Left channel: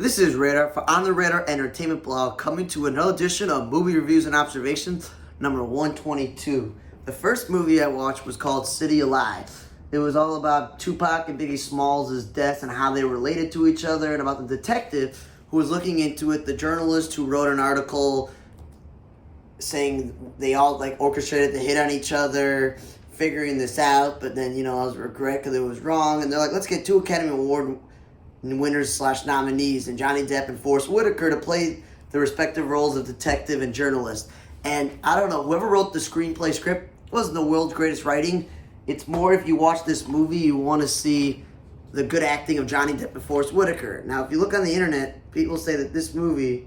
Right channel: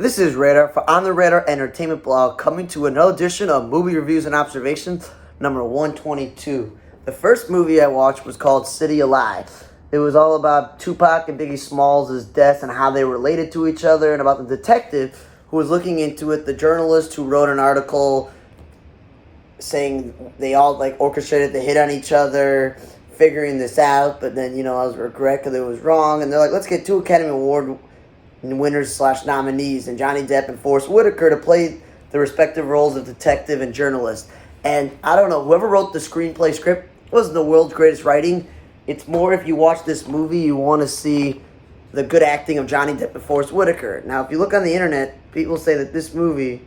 This is Radar for On the Radar Entertainment Blog, coming to another edition of Movie Reviews and Observations, number 122. The first movie I watched was called City Alive. It was all about Tupac and Biggie Smalls' deaths and how they related to each other, and about the detective who was looking into it, the journalist who wrote an article saying they all orchestrated the hit on each other, figuring this out, but then I was regret because it was wrong, and they're like, let's get two Academy Award winners / nominees, and Johnny Depp and Forest Whitaker to play the respective roles of detective and journalist. And I don't know, whoever wrote the screenplay script wasn't the world's greatest writing. It's more, if you watch this movie, you want to see the good acting of Johnny Depp and Forest Whitaker. Now, if you look on the internet, people say that this movie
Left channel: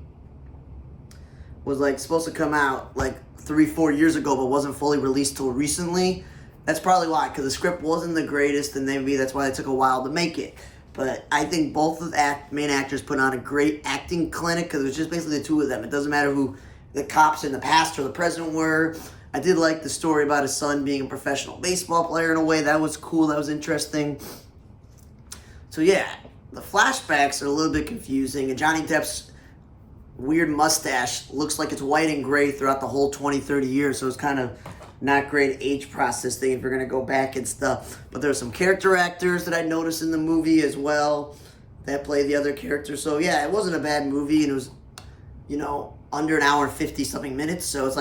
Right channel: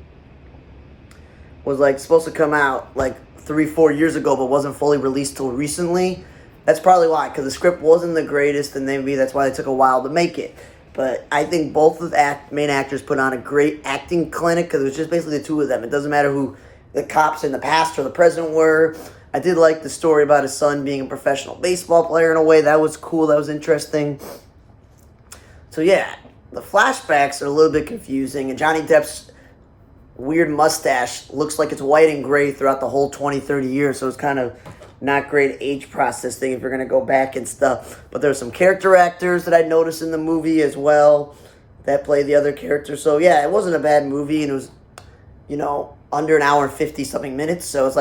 was supposed to come out 3-4 years ago, but wasn't fully released till recently. That's probably why, because the script wasn't the greatest, and maybe that's why they took a while to make it. But I think both of the main actors put on a great acting clinic, because it was just basically the two of them. It doesn't matter who the cops in the past or the present were. I did like the story about his son being a professional baseball player in a way. That was cool. That was interesting. So yeah, the flashbacks are a little bit confusing, and Johnny Depp's weird mustache looks like it's white and gray throughout the whole 20-30 years, so it's kind of not great age process thing if you're going to go back and stuff. But there's some character actors that I noticed in the movie as well that play the other characters. So yeah, it wasn't a bad movie, and it was, under an hour and 50-something minutes. So it's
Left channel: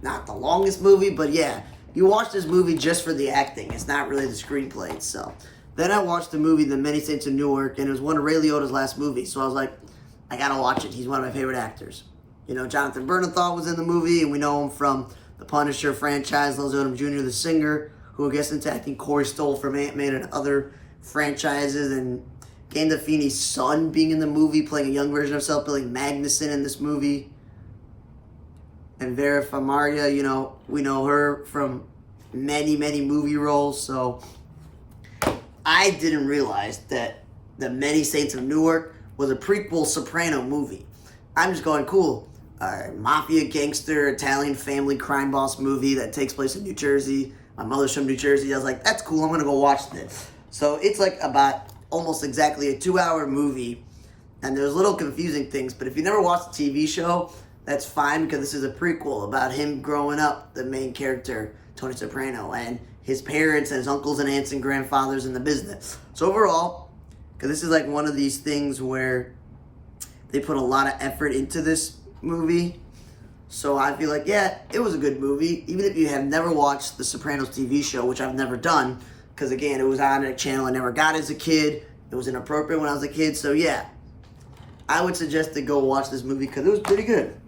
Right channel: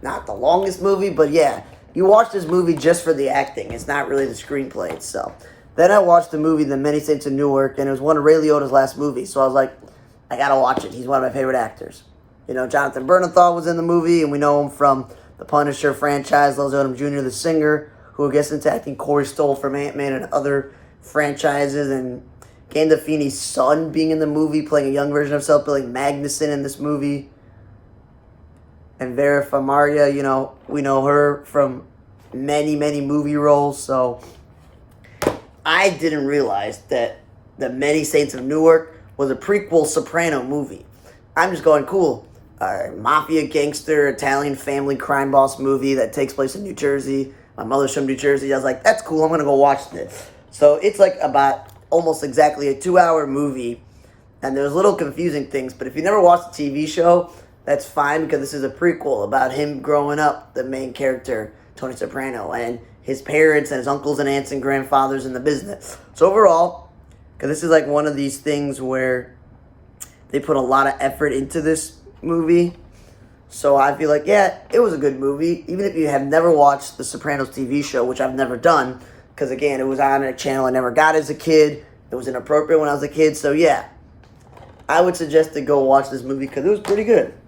not the longest movie, but yeah, you watch this movie just for the acting. It's not really the screenplay itself. Then I watched the movie The Many Saints of Newark, and it was one of Ray Liotta's last movies. So I was like, I gotta watch it. He's one of my favorite actors. Jonathan Bernthal was in the movie, and we know him from the Punisher franchise, Leslie Odom Jr., the singer, who gets into acting. Corey Stoll from Ant-Man and other franchises, and Gandolfini's son being in the movie, playing a young version of himself, Billy Magnuson in this movie. And Vera Farmiga, we know her from many, many movie roles. So I didn't realize that The Many Saints of Newark was a prequel Soprano movie. I'm just going, cool. Mafia gangster, Italian family crime boss movie that takes place in New Jersey. My mother's from New Jersey. I was like, that's cool. I'm going to go watch this. So it's about almost exactly a 2-hour movie. And there's little confusing things. But if you never watched the TV show, that's fine, because this is a prequel about him growing up, the main character, Tony Soprano, and his parents and his uncles and aunts and grandfathers in the business. So overall, because this is one of these things where they put a lot of effort into this movie, so I feel yeah, it was a good movie. Even if you have never watched the Sopranos TV show, which I've never done, because again, it was on a channel I never got as a kid. It was inappropriate when I was a kid, so yeah, I would suggest to go watch this movie because it was pretty good.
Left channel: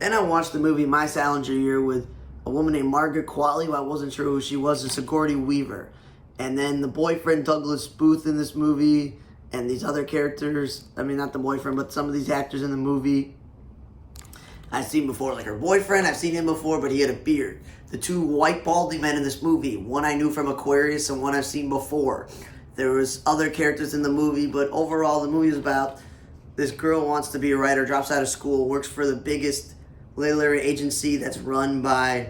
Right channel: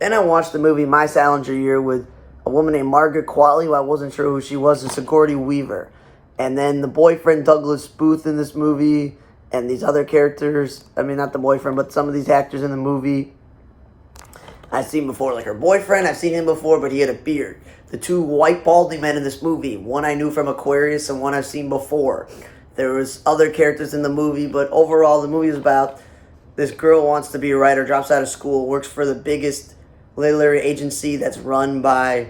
Then I watched the movie My Salinger Year with a woman named Margaret Qualley, who I wasn't sure who she was, and Sigourney Weaver. And then the boyfriend, Douglas Booth, in this movie, and these other characters. I mean, not the boyfriend, but some of these actors in the movie I've seen before. Her boyfriend, I've seen him before, but he had a beard. The two white balding men in this movie, one I knew from Aquarius and one I've seen before. There was other characters in the movie, but overall the movie is about this girl wants to be a writer, drops out of school, works for the biggest literary agency that's run by,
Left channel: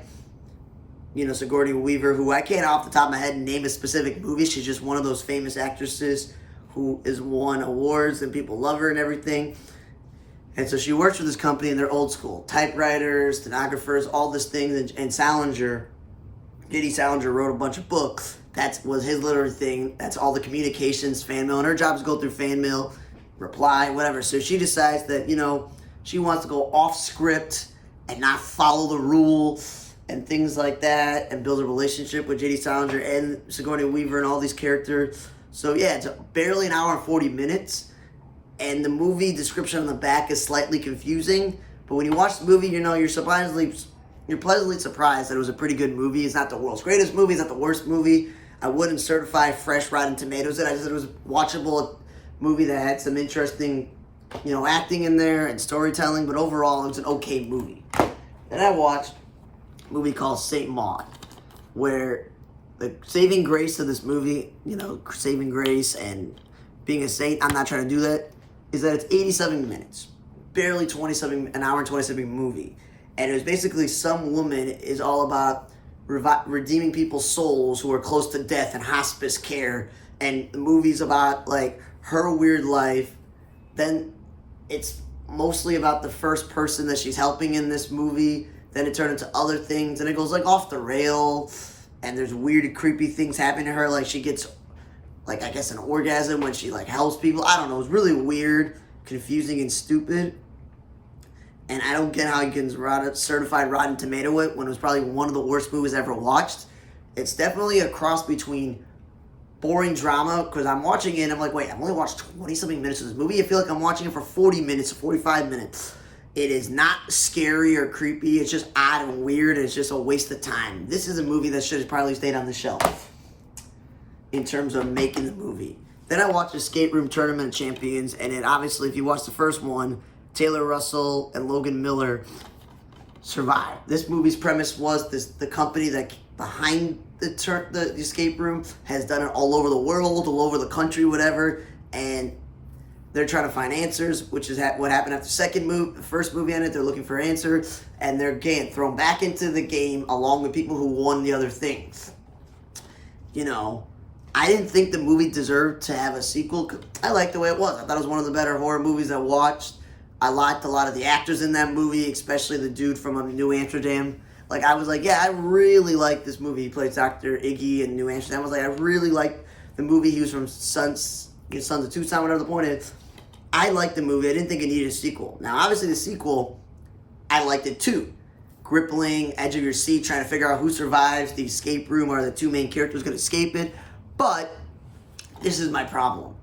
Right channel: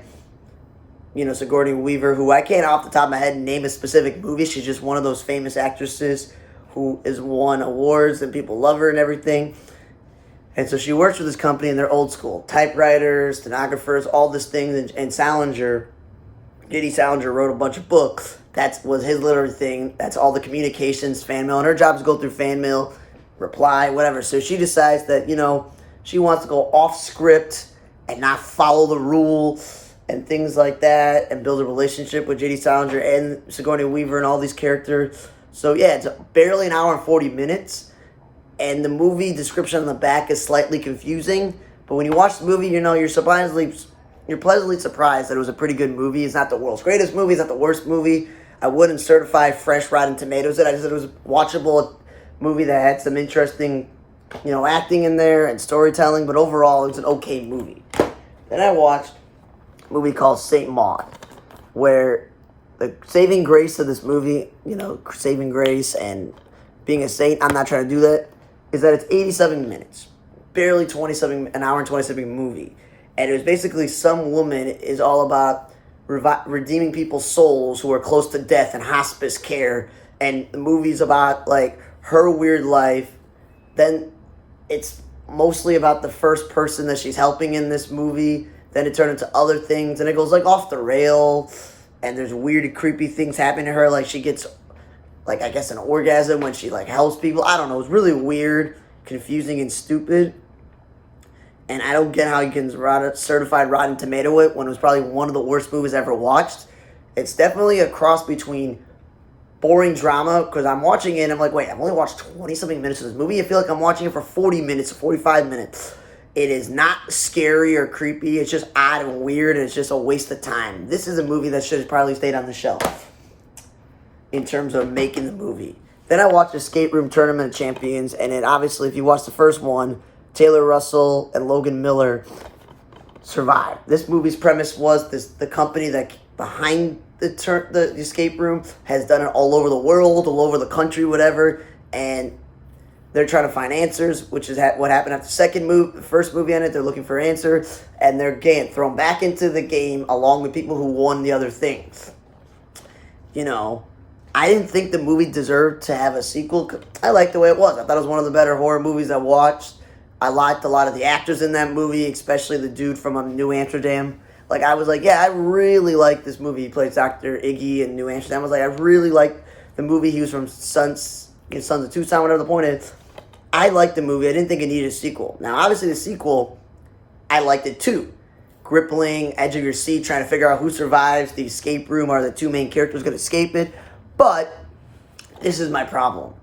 Sigourney Weaver, who I can't off the top of my head name a specific movie. She's just one of those famous actresses who has won awards and people love her and everything. And so she works for this company, and they're old school. Typewriters, stenographers, all these things. And Salinger, J.D. Salinger, wrote a bunch of books. That was his literary thing. That's all the communications, fan mail. And her job is to go through fan mail, reply, whatever. So she decides that, she wants to go off script and not follow the rules and things like that, and build a relationship with J.D. Salinger and Sigourney Weaver and all these characters. So yeah, it's barely an hour and 40 minutes, and the movie description on the back is slightly confusing, but when you watch the movie, you're pleasantly surprised that it was a pretty good movie. It's not the world's greatest movie, it's not the worst movie. I wouldn't certify fresh Rotten Tomatoes it. I just said it was a watchable movie that had some interesting acting in there and storytelling, but overall, it was an okay movie. Then I watched a movie called Saint Maud, where the saving grace of this movie, saving grace and being a saint, I'm not trying to do that, is that it's 87 minutes, barely an hour and 27 movie. And it was basically some woman is all about redeeming people's souls who are close to death and hospice care. And the movie's about, her weird life Then it's mostly about the first person that she's helping in this movie. Then it turned into other things, and it goes like off the rail. And there's weird, creepy things happening to her. Like she gets, like I guess, an orgasm when she like helps people. I don't know. It's really weird, confusing, and stupid. And I don't get how you can certified Rotten Tomato it when it was probably one of the worst movies I ever watched. It's definitely a cross between boring drama, because I'm watching it and I'm like, wait, I've only watched 20-something minutes of this movie. I feel like I'm watching it for 40 minutes or 45 minutes. It is not scary or creepy. It's just odd and weird, and it's just a waste of time. This is a movie that should have probably stayed on the shelf in terms of making the movie. Then I watched Escape Room Tournament of Champions, and it obviously, if you watch the first one, Taylor Russell and Logan Miller survived. This movie's premise was the company that behind the escape room has done it all over the world, all over the country, whatever, and they're trying to find answers, which is what happened after the first movie ended. They're looking for answers, and they're getting thrown back into the game along with people who won the other things. You know, I didn't think the movie deserved to have a sequel. I liked the way it was. I thought it was one of the better horror movies I watched. I liked a lot of the actors in that movie, especially the dude from New Amsterdam. Like, I was like, yeah, I really like this movie. He plays Dr. Iggy in New Amsterdam. I was like, I really liked the movie. He was from Sons of Tucson, whatever the point is. I liked the movie. I didn't think it needed a sequel. Now, obviously, the sequel, I liked it too. Gripping, edge of your seat, trying to figure out who survives the escape room. Are the two main characters going to escape it? But this is my problem.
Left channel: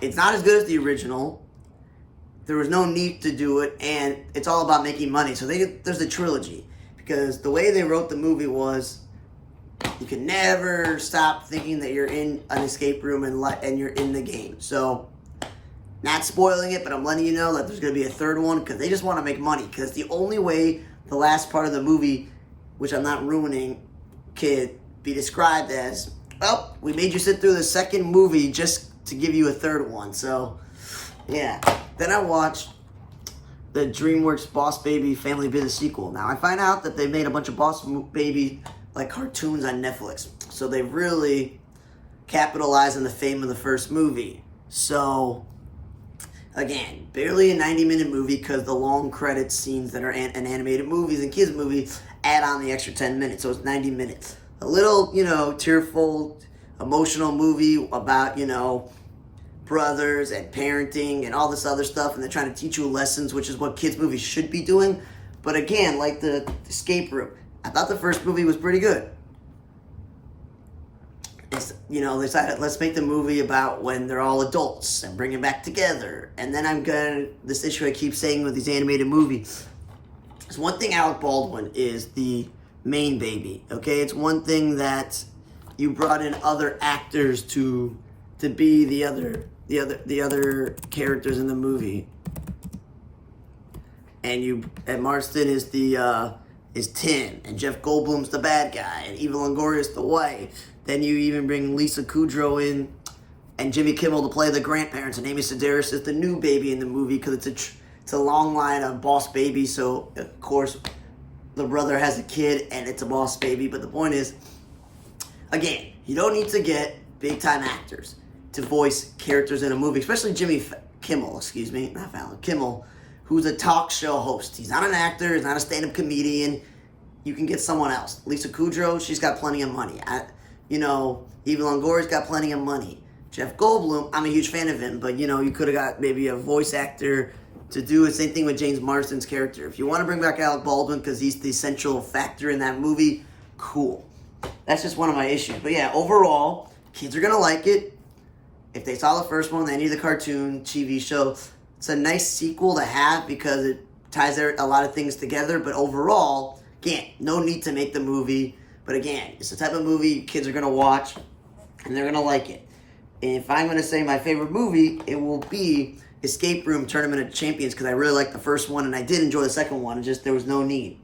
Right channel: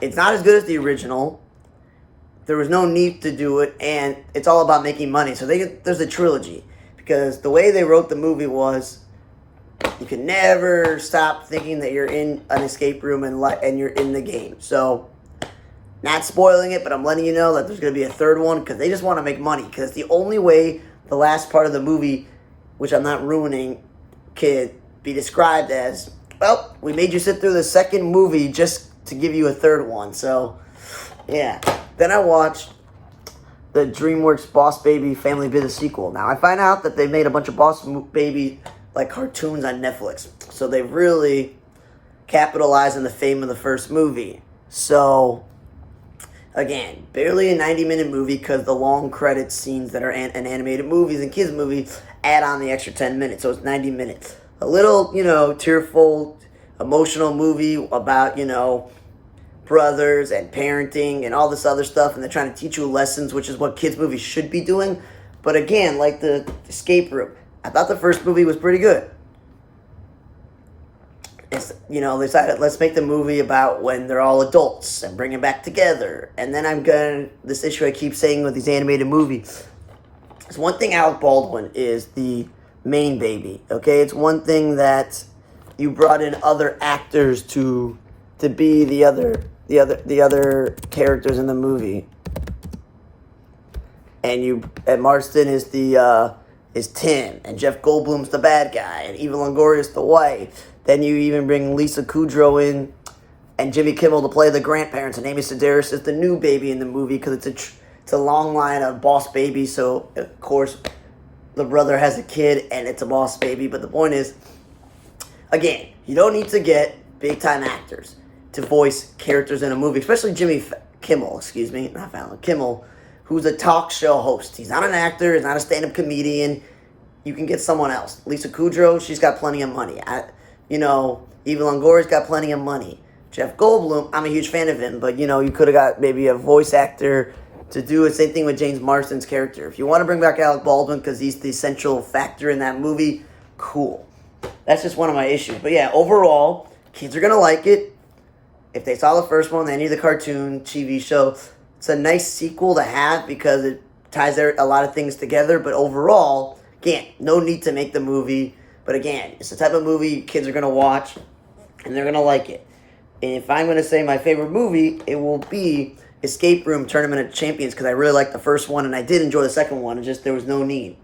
It's not as good as the original. There was no need to do it, and it's all about making money. So there's a trilogy. Because the way they wrote the movie was, you can never stop thinking that you're in an escape room and you're in the game. So, not spoiling it, but I'm letting you know that there's going to be a third one, because they just want to make money. Because the only way the last part of the movie, which I'm not ruining, could be described as, well, we made you sit through the second movie just to give you a third one. So, yeah. Then I watched the DreamWorks Boss Baby Family Business sequel. Now, I find out that they made a bunch of Boss Baby like cartoons on Netflix. So they really capitalized on the fame of the first movie. So, again, barely a 90-minute movie, because the long credit scenes that are in animated movies and kids' movies add on the extra 10 minutes. So it's 90 minutes. A little, tearful, emotional movie about, brothers and parenting and all this other stuff, and they're trying to teach you lessons, which is what kids' movies should be doing. But again, like the escape room, I thought the first movie was pretty good. It's, they decided, let's make the movie about when they're all adults and bring them back together. And then this issue I keep saying with these animated movies. It's one thing Alec Baldwin is the main baby, okay? It's one thing that you brought in other actors to be the other characters in the movie. And Marston is is Tim, and Jeff Goldblum's the bad guy, and Eva Longoria's the wife. Then you even bring Lisa Kudrow in, and Jimmy Kimmel to play the grandparents, and Amy Sedaris is the new baby in the movie, because it's a long line of boss babies. So of course the brother has a kid, and it's a boss baby. But the point is, again, you don't need to get big time actors to voice characters in a movie, especially Jimmy Kimmel, Kimmel, who's a talk show host. He's not an actor, he's not a stand-up comedian. You can get someone else. Lisa Kudrow, she's got plenty of money. Eva Longoria's got plenty of money. Jeff Goldblum, I'm a huge fan of him, but, you could have got maybe a voice actor to do the same thing with James Marsden's character. If you want to bring back Alec Baldwin because he's the central factor in that movie, cool. That's just one of my issues. But yeah, overall, kids are going to like it. If they saw the first one, they need the cartoon, TV show. It's a nice sequel to have because it ties a lot of things together. But overall, again, no need to make the movie. But again, it's the type of movie kids are going to watch, and they're going to like it. And if I'm going to say my favorite movie, it will be Escape Room Tournament of Champions, because I really liked the first one, and I did enjoy the second one. It's just there was no need.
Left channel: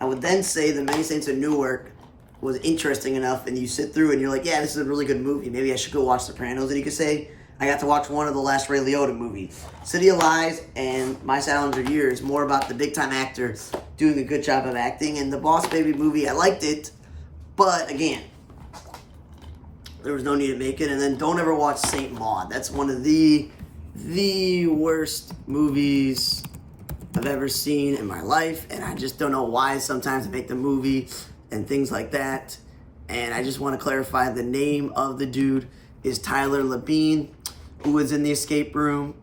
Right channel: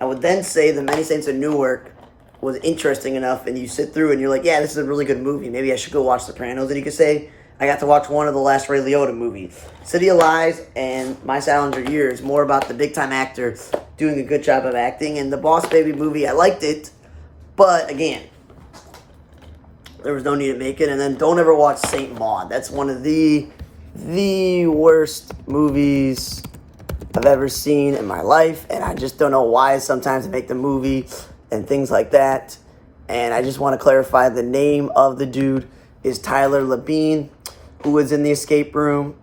I would then say The Many Saints of Newark was interesting enough, and you sit through and you're like, yeah, this is a really good movie. Maybe I should go watch Sopranos. And you could say, I got to watch one of the last Ray Liotta movies. City of Lies and My Salinger Year is more about the big-time actor doing a good job of acting. And the Boss Baby movie, I liked it, but again, there was no need to make it. And then don't ever watch Saint Maud. That's one of the the worst movies I've ever seen in my life, and I just don't know why sometimes I make the movie and things like that. And I just want to clarify the name of the dude is Tyler Labine, who was in the escape room.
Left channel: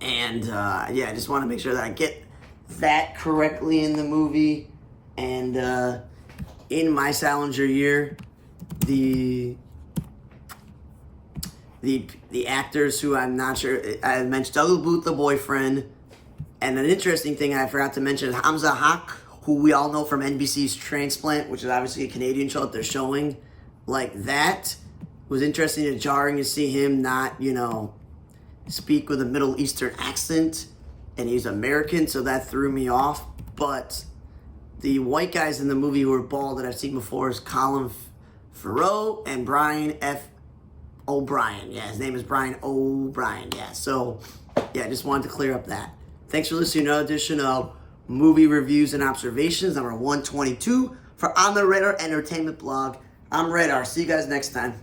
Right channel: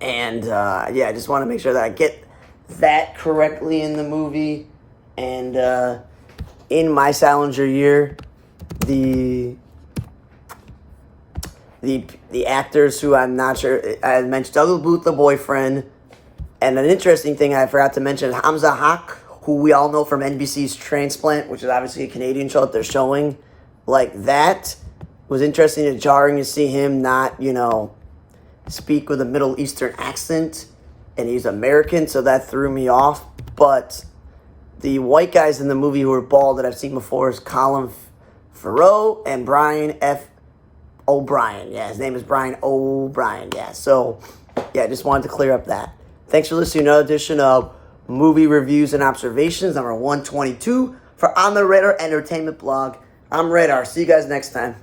And yeah, I just want to make sure that I get that correctly in the movie. And in my Salinger year, the actors who I'm not sure, I mentioned Douglas Booth, the boyfriend. And an interesting thing I forgot to mention, Hamza Haq, who we all know from NBC's Transplant, which is obviously a Canadian show that they're showing. Like, that was interesting and jarring to see him not, speak with a Middle Eastern accent. And he's American, so that threw me off. But the white guys in the movie who were bald that I've seen before is Colin Farrell and Brian F. O'Brien. Yeah, his name is Brian O'Brien. Yeah, so, yeah, I just wanted to clear up that. Thanks for listening to another edition of Movie Reviews and Observations, number 122, for On the Radar Entertainment Blog. I'm Radar. See you guys next time.